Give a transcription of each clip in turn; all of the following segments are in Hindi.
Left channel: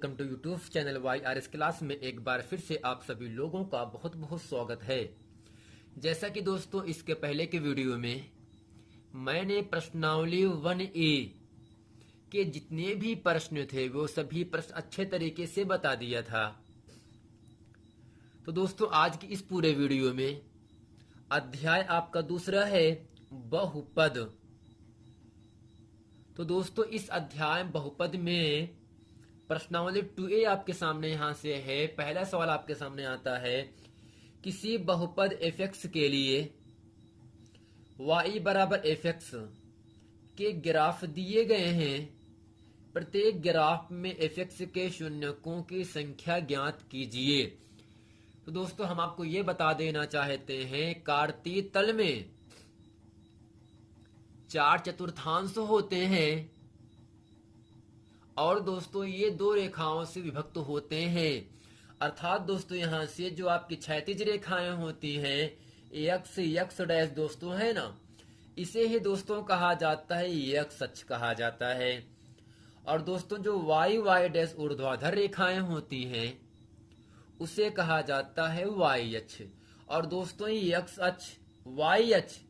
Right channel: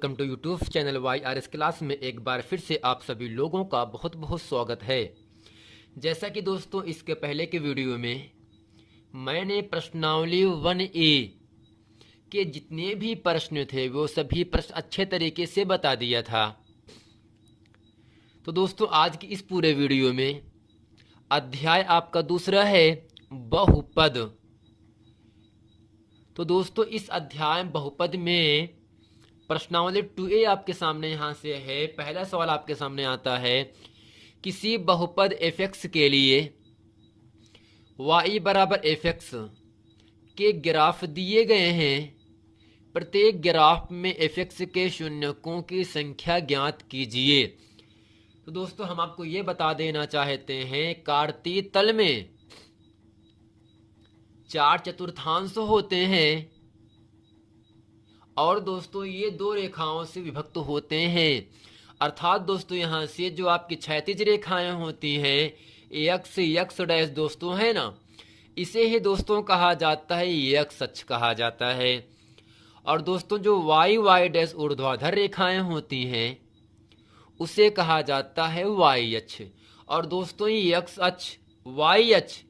Welcome to YouTube channel YRS class में एक बार फिर से आप सभी लोगों का बहुत बहुत स्वागत है। जैसा कि दोस्तों इसके पहले के वीडियो में मैंने प्रश्नावली 1A के जितने भी प्रश्न थे वो सभी प्रश्न अच्छे तरीके से बता दिया था। तो दोस्तों आज की इस पूरे वीडियो में अध्याय आपका दूसरा है बहुपद। तो दोस्तों इस अध्याय बहुपद में प्रश्नावली 2A आपके सामने यहाँ से है। पहला सवाल आपके सामने आता है, किसी बहुपद fx के लिए y बराबर fx के ग्राफ दिए गए हैं। प्रत्येक ग्राफ में fx के शून्यकों की संख्या ज्ञात कीजिए। तो दोस्तों हम आपको ये बता देना चाहते हैं, कार्तीय तल में 4 चतुर्थांश होते हैं और दोस्तों ये दो रेखाओं से विभक्त होते हैं। अर्थात दोस्तों यहाँ से जो आपकी क्षैतिज रेखाएं होती हैं x डैश दोस्तों है ना, इसे ही दोस्तों कहा जाता है x अक्ष कहा जाता है। और दोस्तों जो y डैश ऊर्ध्वाधर रेखाएं होती हैं उसे कहा जाता है y अक्ष। और दोस्तों ये x अक्ष y अक्ष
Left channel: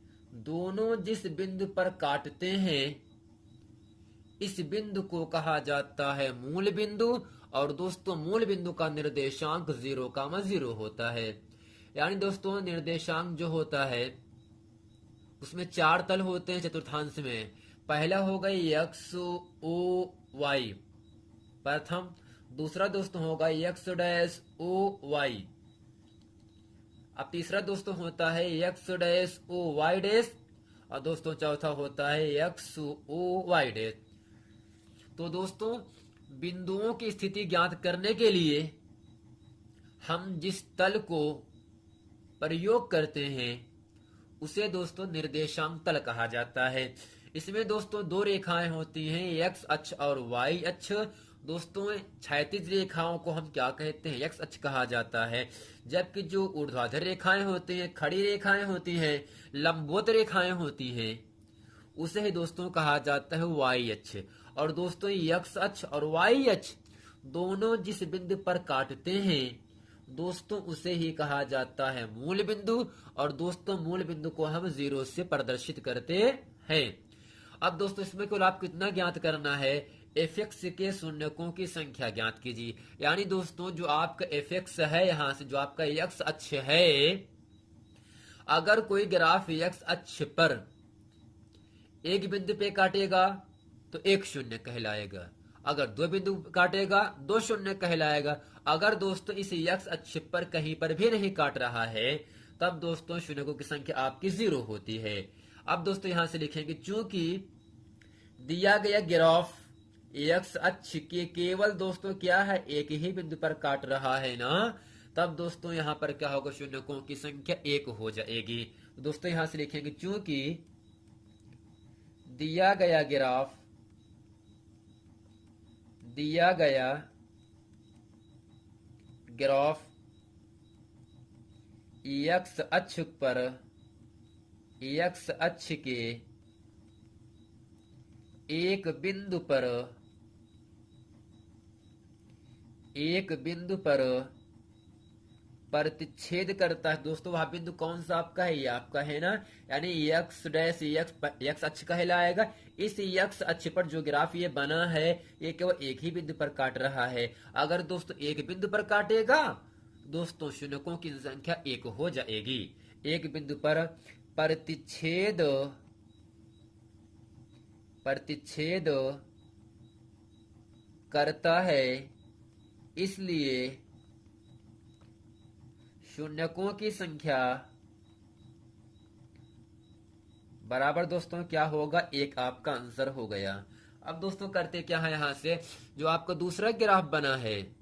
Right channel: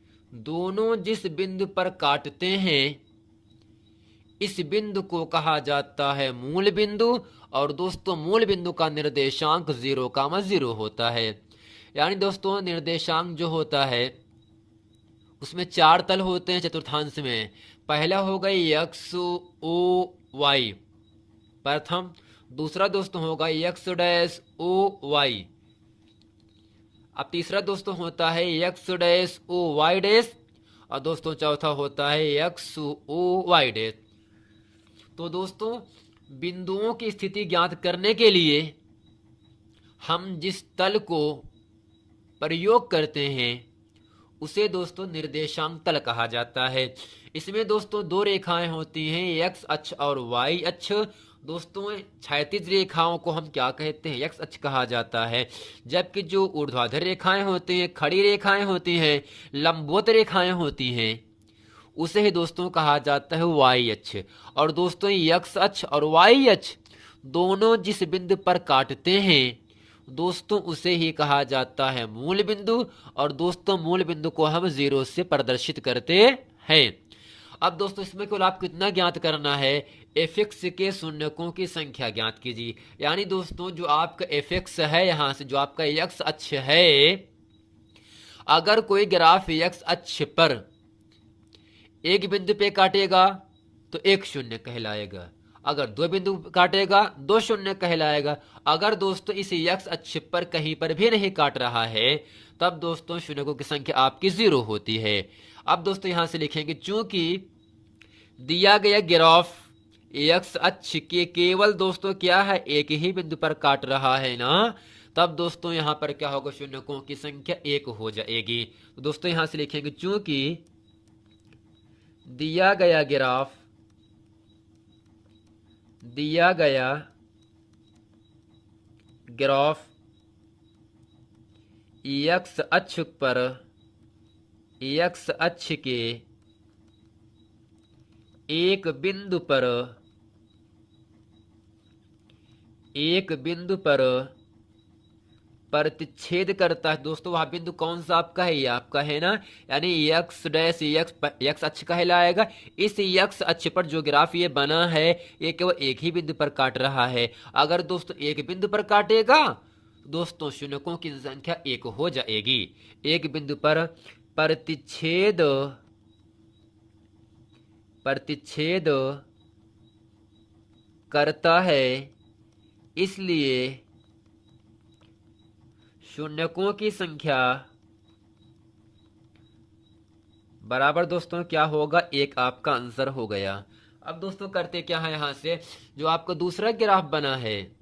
दोनों जिस बिंदु पर काटते हैं इस बिंदु को कहा जाता है मूल बिंदु। और दोस्तों मूल बिंदु का निर्देशांक 0,0 होता है। यानी दोस्तों निर्देशांक जो होता है उसमें 4 तल होते हैं चतुर्थांश में। पहला होगा x o y प्रथम, दूसरा दोस्तों होगा x डैश o y, अब तीसरा दोस्तों होता है x dash o y dash, और दोस्तों चौथा होता है x o y डैश। तो दोस्तों बिंदुओं की स्थिति ज्ञात करने के लिए हम जिस तल को प्रयोग करते हैं उसे दोस्तों निर्देशांक तल कहा जाता है। इसमें दोस्तों दो रेखाएं होती हैं, x अक्ष और y अक्ष। दोस्तों क्षैतिज रेखाओं को हम क्या कहते हैं, x अक्ष कहा जाता है, जबकि जो ऊर्ध्वाधर रेखाएं होती हैं, खड़ी रेखाएं होती हैं, लंबवत रेखाएं होती हैं, उसे ही दोस्तों कहा जाता है y अक्ष। और दोस्तों x अक्ष और y अक्ष दोनों जिस बिंदु पर काटते हैं दोस्तों उसे ही कहा जाता है मूल बिंदु। और दोस्तों मूल बिंदु को हम 0 से प्रदर्शित करते हैं। अब दोस्तों इसमें केवल आपको इतना ज्ञात करना है, fx के शून्यकों की संख्या ज्ञात कीजिए। यानी दोस्तों जो आपका fx है, यहाँ से जो आपका x अक्ष है, अगर कोई ग्राफ x अक्ष पर एक बिंदु पे काटेगा तो एक शून्य कहलाएगा, अगर दो बिंदु काटेगा 2 शून्य कहलाएगा। अगर दोस्तों इस x अक्ष पर कहीं पर भी नहीं काट रहा है तब दोस्तों शून्यकों की संख्या आपकी 0 होती है। अब दोस्तों यहां से लिखेंगे, चूंकि दिया गया ग्राफ x अक्ष के केवल दोस्तों क्या है एक ही बिंदु पर काट रहा है ना, तब दोस्तों यहां पर क्या होगा, शून्यकों की संख्या 1 हो जाएगी। तो दोस्तों यहां से लिखेंगे, चूंकि दिया गया ग्राफ x अक्ष पर x अक्ष के एक बिंदु पर प्रतिच्छेद करता है। दोस्तों वह बिंदु कौन सा आपका है, ये आपका है ना, यानी x डैश x अक्ष कहलाएगा। इस x अक्ष पर जो ग्राफ ये बना है ये केवल एक ही बिंदु पर काट रहा है। अगर दोस्तों एक बिंदु पर काटेगा दोस्तों शून्यकों की संख्या 1 हो जाएगी। एक बिंदु पर प्रतिच्छेद करता है, इसलिए शून्यकों की संख्या बराबर दोस्तों क्या होगा, 1 आपका आंसर हो गया। अब दोस्तों करते क्या है, यहां से जो आपका दूसरा ग्राफ बना है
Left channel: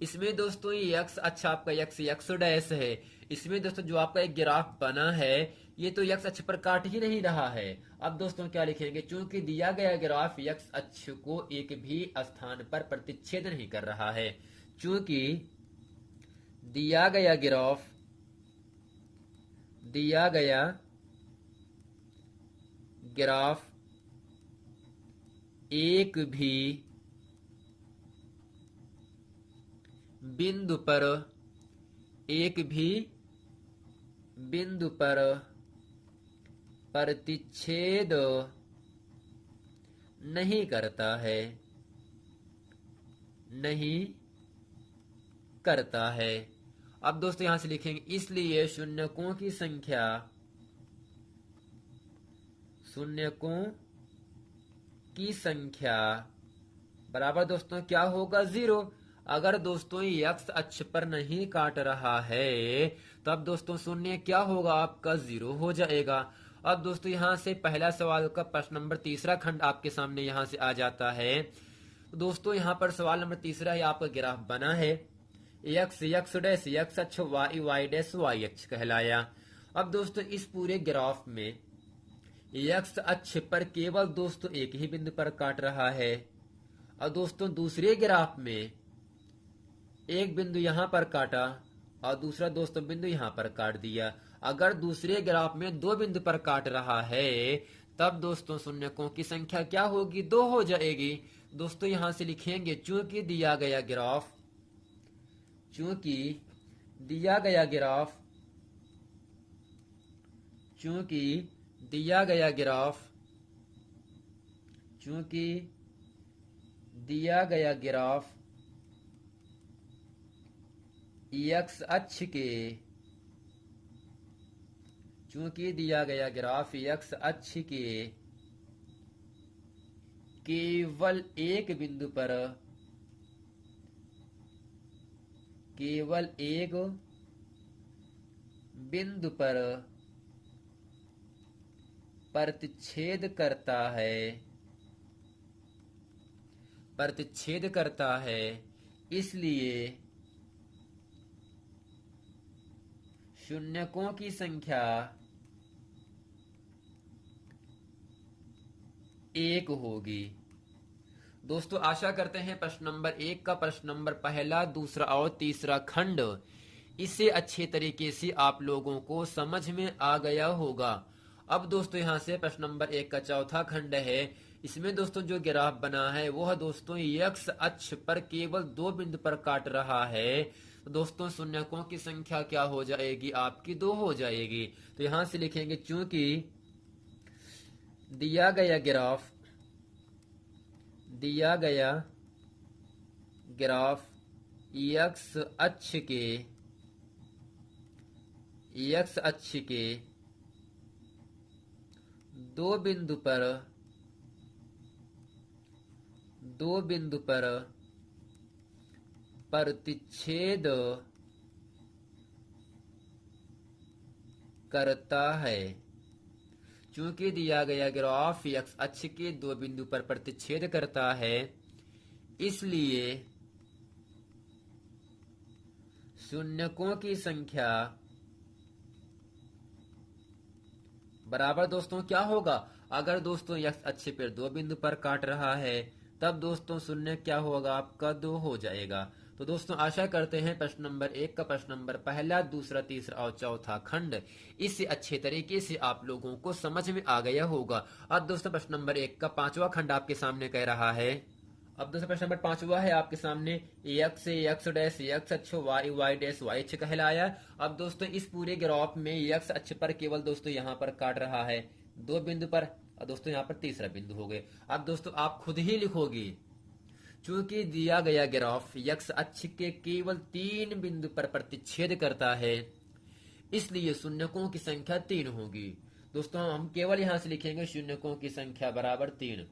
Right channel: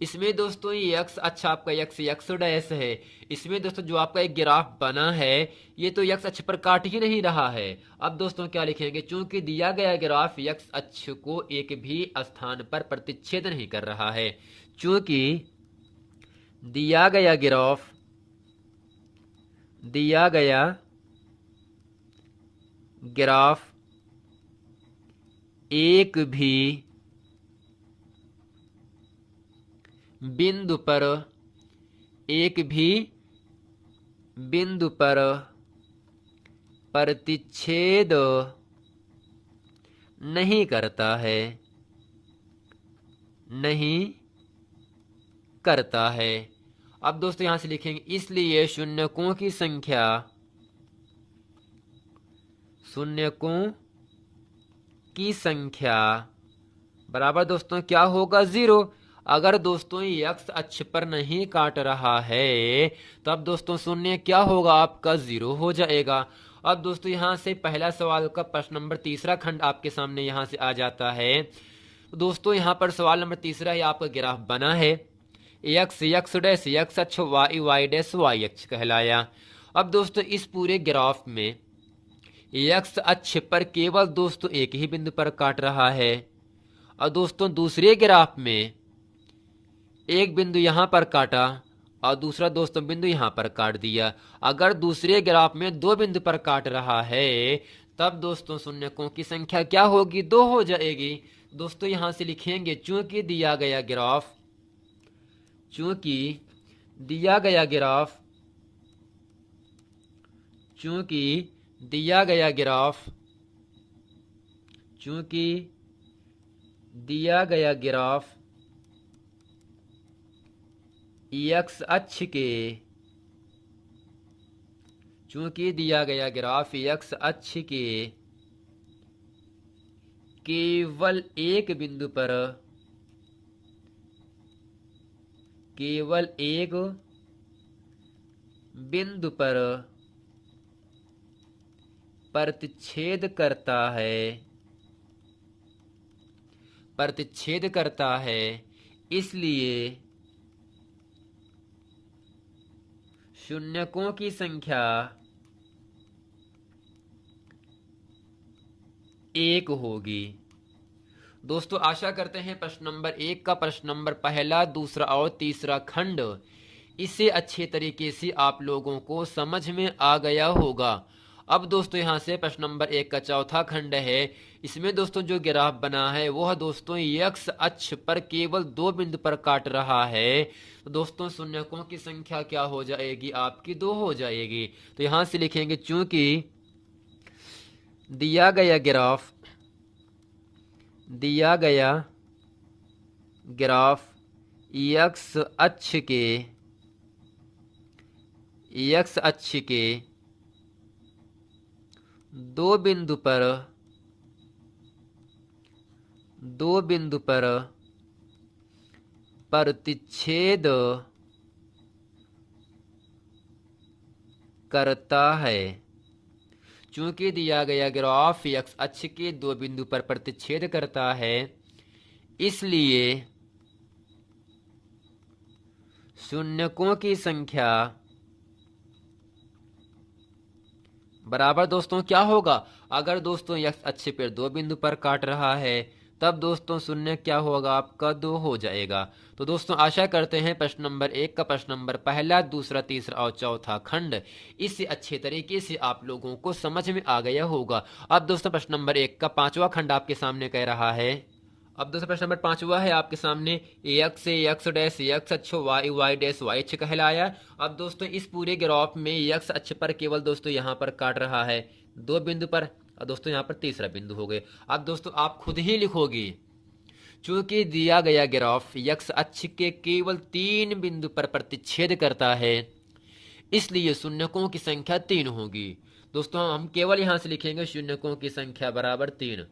इसमें दोस्तों ये x अक्ष आपका x डैश है। इसमें दोस्तों जो आपका एक ग्राफ बना है ये तो x अक्ष पर काट ही नहीं रहा है। अब दोस्तों क्या लिखेंगे, चूंकि दिया गया ग्राफ x अक्ष को एक भी स्थान पर प्रतिच्छेद नहीं कर रहा है, चूंकि दिया गया ग्राफ एक भी बिंदु पर एक भी बिंदु पर प्रतिच्छेद नहीं करता है, नहीं करता है। अब दोस्तों यहां से लिखेंगे इसलिए शून्यकों की संख्या, शून्यकों की संख्या बराबर दोस्तों क्या होगा? 0। अगर दोस्तों ये x अक्ष पर नहीं काट रहा है तब दोस्तों शून्य क्या होगा आपका? 0 हो जाएगा। अब दोस्तों यहां से पहला सवाल का प्रश्न नंबर तीसरा खंड आपके सामने यहां से आ जाता है। दोस्तों यहां पर सवाल नंबर तीसरा है, आपका ग्राफ बना है x डैश x अक्ष y डैश y अक्ष कहलाया। अब दोस्तों इस पूरे ग्राफ में x अक्ष पर केवल दोस्तों एक ही बिंदु पर काट रहा है और दोस्तों दूसरे ग्राफ में एक बिंदु यहां पर काटा और दूसरा दोस्तों बिंदु यहां पर काट दिया। अगर दूसरे ग्राफ में दो बिंदु पर काट रहा है तब दोस्तों शून्यकों की संख्या क्या होगी? 2 हो जाएगी। दोस्तों यहां से लिखेंगे चूंकि दिया गया ग्राफ, चूंकि दिया गया ग्राफ, चूंकि दिया गया ग्राफ, चूंकि दिया गया ग्राफ x अक्ष के, चूंकि दिया गया ग्राफ x अक्ष के केवल एक बिंदु पर, केवल एक बिंदु पर प्रतिच्छेद करता है, प्रतिच्छेद करता है, इसलिए शून्यकों की संख्या 1 होगी। दोस्तों आशा करते हैं प्रश्न नंबर 1 का प्रश्न नंबर पहला, दूसरा और तीसरा खंड इसे अच्छे तरीके से आप लोगों को समझ में आ गया होगा। अब दोस्तों यहां से प्रश्न नंबर 1 का चौथा खंड है। इसमें दोस्तों जो ग्राफ बना है वह दोस्तों x अक्ष पर केवल 2 बिंदु पर काट रहा है। तो दोस्तों शून्यकों की संख्या क्या हो जाएगी आपकी? 2 हो जाएगी। तो यहां से लिखेंगे चूंकि दिया गया ग्राफ, दिया गया ग्राफ x अक्ष के, x अक्ष के 2 बिंदु पर, 2 बिंदु पर प्रतिच्छेद करता है। चूंकि दिया गया ग्राफ x अक्ष के 2 बिंदु पर प्रतिच्छेद करता है, इसलिए शून्यकों की संख्या बराबर दोस्तों क्या होगा? अगर दोस्तों x अक्ष पर 2 बिंदु पर काट रहा है तब दोस्तों शून्य क्या होगा आपका? 2 हो जाएगा। तो दोस्तों आशा करते हैं प्रश्न नंबर 1 का प्रश्न नंबर पहला, दूसरा, तीसरा और चौथा खंड इससे अच्छे तरीके से आप लोगों को समझ में आ गया होगा। अब दोस्तों प्रश्न नंबर 1 का 5वां खंड आपके सामने कह रहा है। अब दोस्तों प्रश्न नंबर 5वां है आपके सामने, x डैश x अक्ष y डैश y अक्ष कहलाया। अब दोस्तों इस पूरे ग्राफ में x अक्ष पर केवल दोस्तों यहाँ पर काट रहा है 2 बिंदु पर और दोस्तों यहाँ पर तीसरा बिंदु हो गए। अब दोस्तों आप खुद ही लिखोगे चूंकि दिया गया ग्राफ x अक्ष के केवल 3 बिंदु पर प्रतिच्छेद करता है, इसलिए शून्यकों की संख्या 3 होगी। दोस्तों हम केवल यहां से लिखेंगे शून्यकों की संख्या बराबर 3।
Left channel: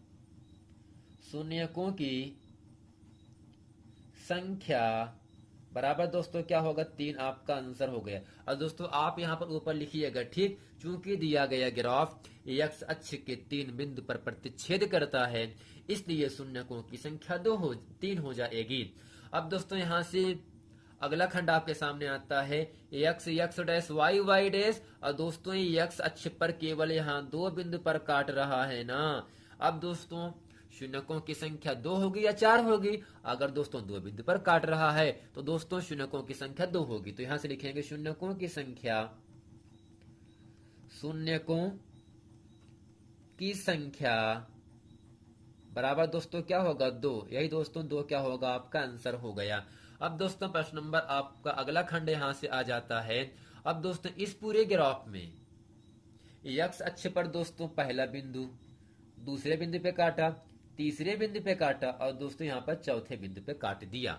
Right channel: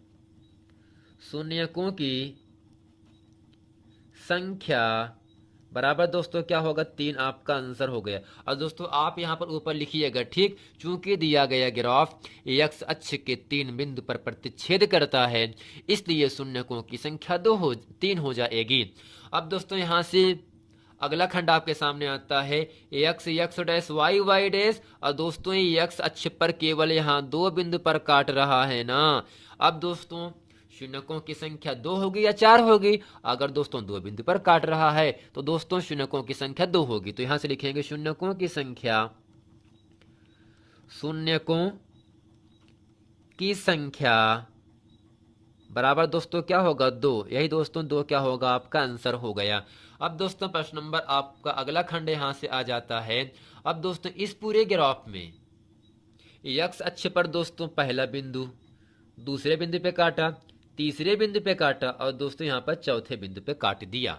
शून्यकों की संख्या बराबर दोस्तों क्या होगा? 3 आपका आंसर हो गया। और दोस्तों आप यहां पर ऊपर लिखिएगा ठीक, चूंकि दिया गया ग्राफ x अक्ष के 3 बिंदु पर प्रतिच्छेद करता है, इसलिए शून्यकों की संख्या 3 हो जाएगी। अब दोस्तों यहां से अगला खंड आपके सामने आता है x डैश y डैश, और दोस्तों x अक्ष पर केवल यहाँ 2 बिंदु पर काट रहा है ना। अब दोस्तों शून्यकों की संख्या 2 होगी या 4 होगी? अगर दोस्तों 2 बिंदु पर काट रहा है तो दोस्तों शून्यकों की संख्या 2 होगी। तो यहां से लिखेंगे शून्यकों की संख्या, शून्यकों की संख्या बराबर दोस्तों क्या होगा 2। यही दोस्तों 2 क्या होगा आपका आंसर हो गया। अब दोस्तों प्रश्न नंबर आपका अगला खंड यहाँ से आ जाता है। अब दोस्तों इस पूरे ग्राफ में एक्स अक्ष पर दोस्तों पहला बिंदु, दूसरे बिंदु पे काटा, तीसरे बिंदु पे काटा और दोस्तों यहाँ पर चौथे बिंदु पे काट दिया।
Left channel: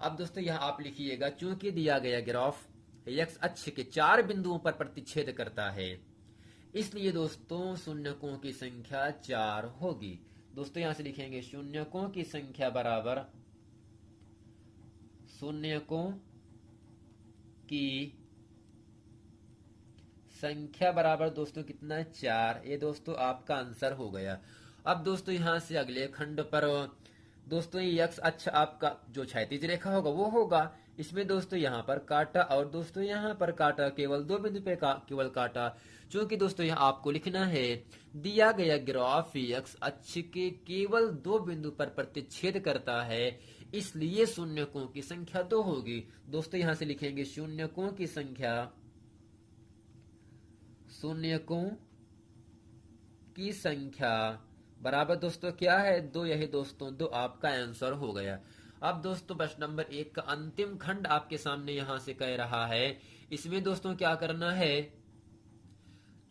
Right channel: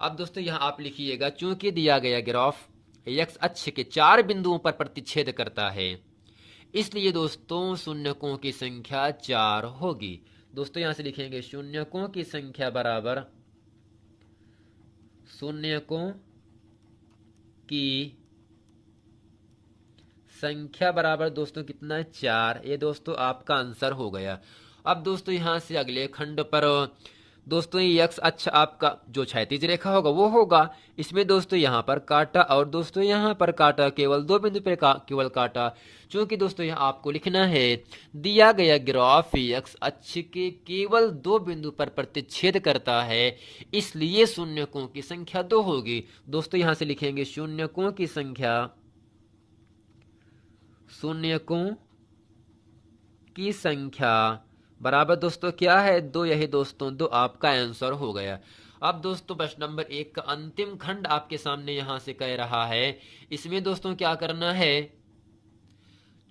अब दोस्तों यहाँ आप लिखिएगा, चूंकि दिया गया ग्राफ एक्स अक्ष के 4 बिंदुओं पर प्रतिच्छेद करता है, इसलिए दोस्तों शून्यकों की संख्या 4 होगी। दोस्तों यहां से लिखेंगे शून्यकों की संख्या बराबर शून्यकों की संख्या बराबर दोस्तों कितना है 4। ये दोस्तों आपका आंसर हो गया। अब दोस्तों यहां से अगले खंड पर दोस्तों ये एक्स अक्ष आपका जो क्षैतिज रेखा होगा वो होगा। इसमें दोस्तों यहाँ पर काटा और दोस्तों यहाँ पर काटा, केवल 2 बिंदु पे केवल काटा। क्योंकि दोस्तों यहाँ आपको लिखना है दिया गया ग्राफ एक्स अक्ष के केवल 2 बिंदु पर प्रतिच्छेद करता है, इसलिए शून्यकों की संख्या 2 होगी। दोस्तों यहाँ से लिखेंगे शून्यकों की संख्या, शून्यकों की संख्या बराबर दोस्तों क्या है 2। यही दोस्तों 2 आपका आंसर हो गया। अब दोस्तों प्रश्न नंबर 1 का अंतिम खंड आपके सामने यहां से कह रहा है। इसमें दोस्तों क्या करना है,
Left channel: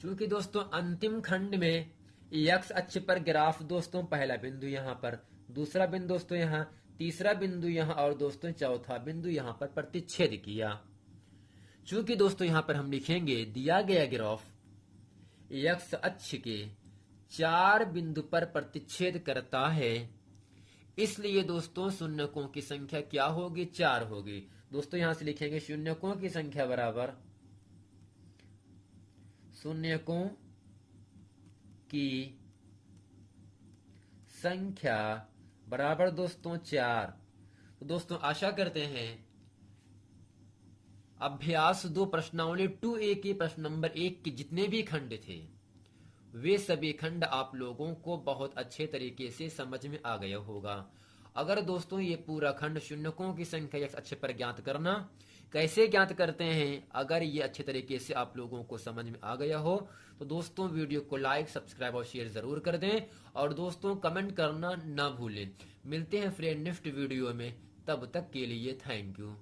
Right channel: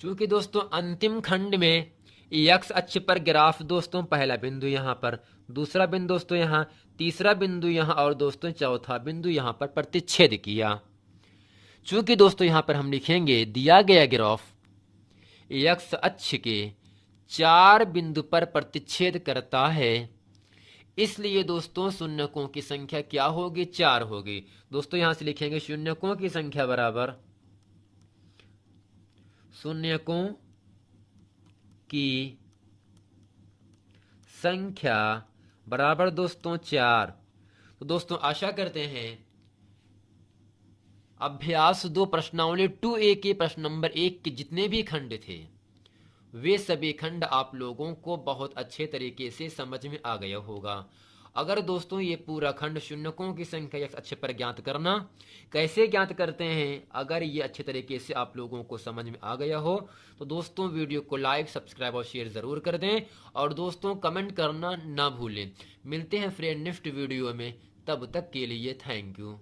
चूंकि दोस्तों अंतिम खंड में एक्स अक्ष पर ग्राफ दोस्तों पहला बिंदु यहां पर, दूसरा बिंदु दोस्तों यहां, तीसरा बिंदु यहां और दोस्तों चौथा बिंदु यहां पर प्रतिच्छेद किया। चूंकि दोस्तों यहां पर हम लिखेंगे दिया गया ग्राफ एक्स अक्ष के 4 बिंदु पर प्रतिच्छेद करता है, इसलिए दोस्तों शून्यकों की संख्या क्या होगी 4 होगी। दोस्तों यहां से लिखेंगे शून्यकों की संख्या बराबर शून्यकों की संख्या बराबर दोस्तों 4। तो दोस्तों आशा करते हैं अभ्यास 2 प्रश्नावली 2A के प्रश्न नंबर 1 के जितने भी खंड थे वे सभी खंड आप लोगों को बहुत अच्छे तरीके से समझ में आ गया होगा। अगर दोस्तों ये पूरा खंड शून्यकों की संख्या अच्छे पर ज्ञात करना कैसे ज्ञात करते हैं, अगर ये अच्छे तरीके से आप लोगों को समझ में आ गया हो तो दोस्तों वीडियो को लाइक, सब्सक्राइब और शेयर जरूर कर दें और दोस्तों कमेंट करना ना भूलें। मिलते हैं फ्रेंड नेक्स्ट वीडियो में, तब तक के लिए थैंक यू।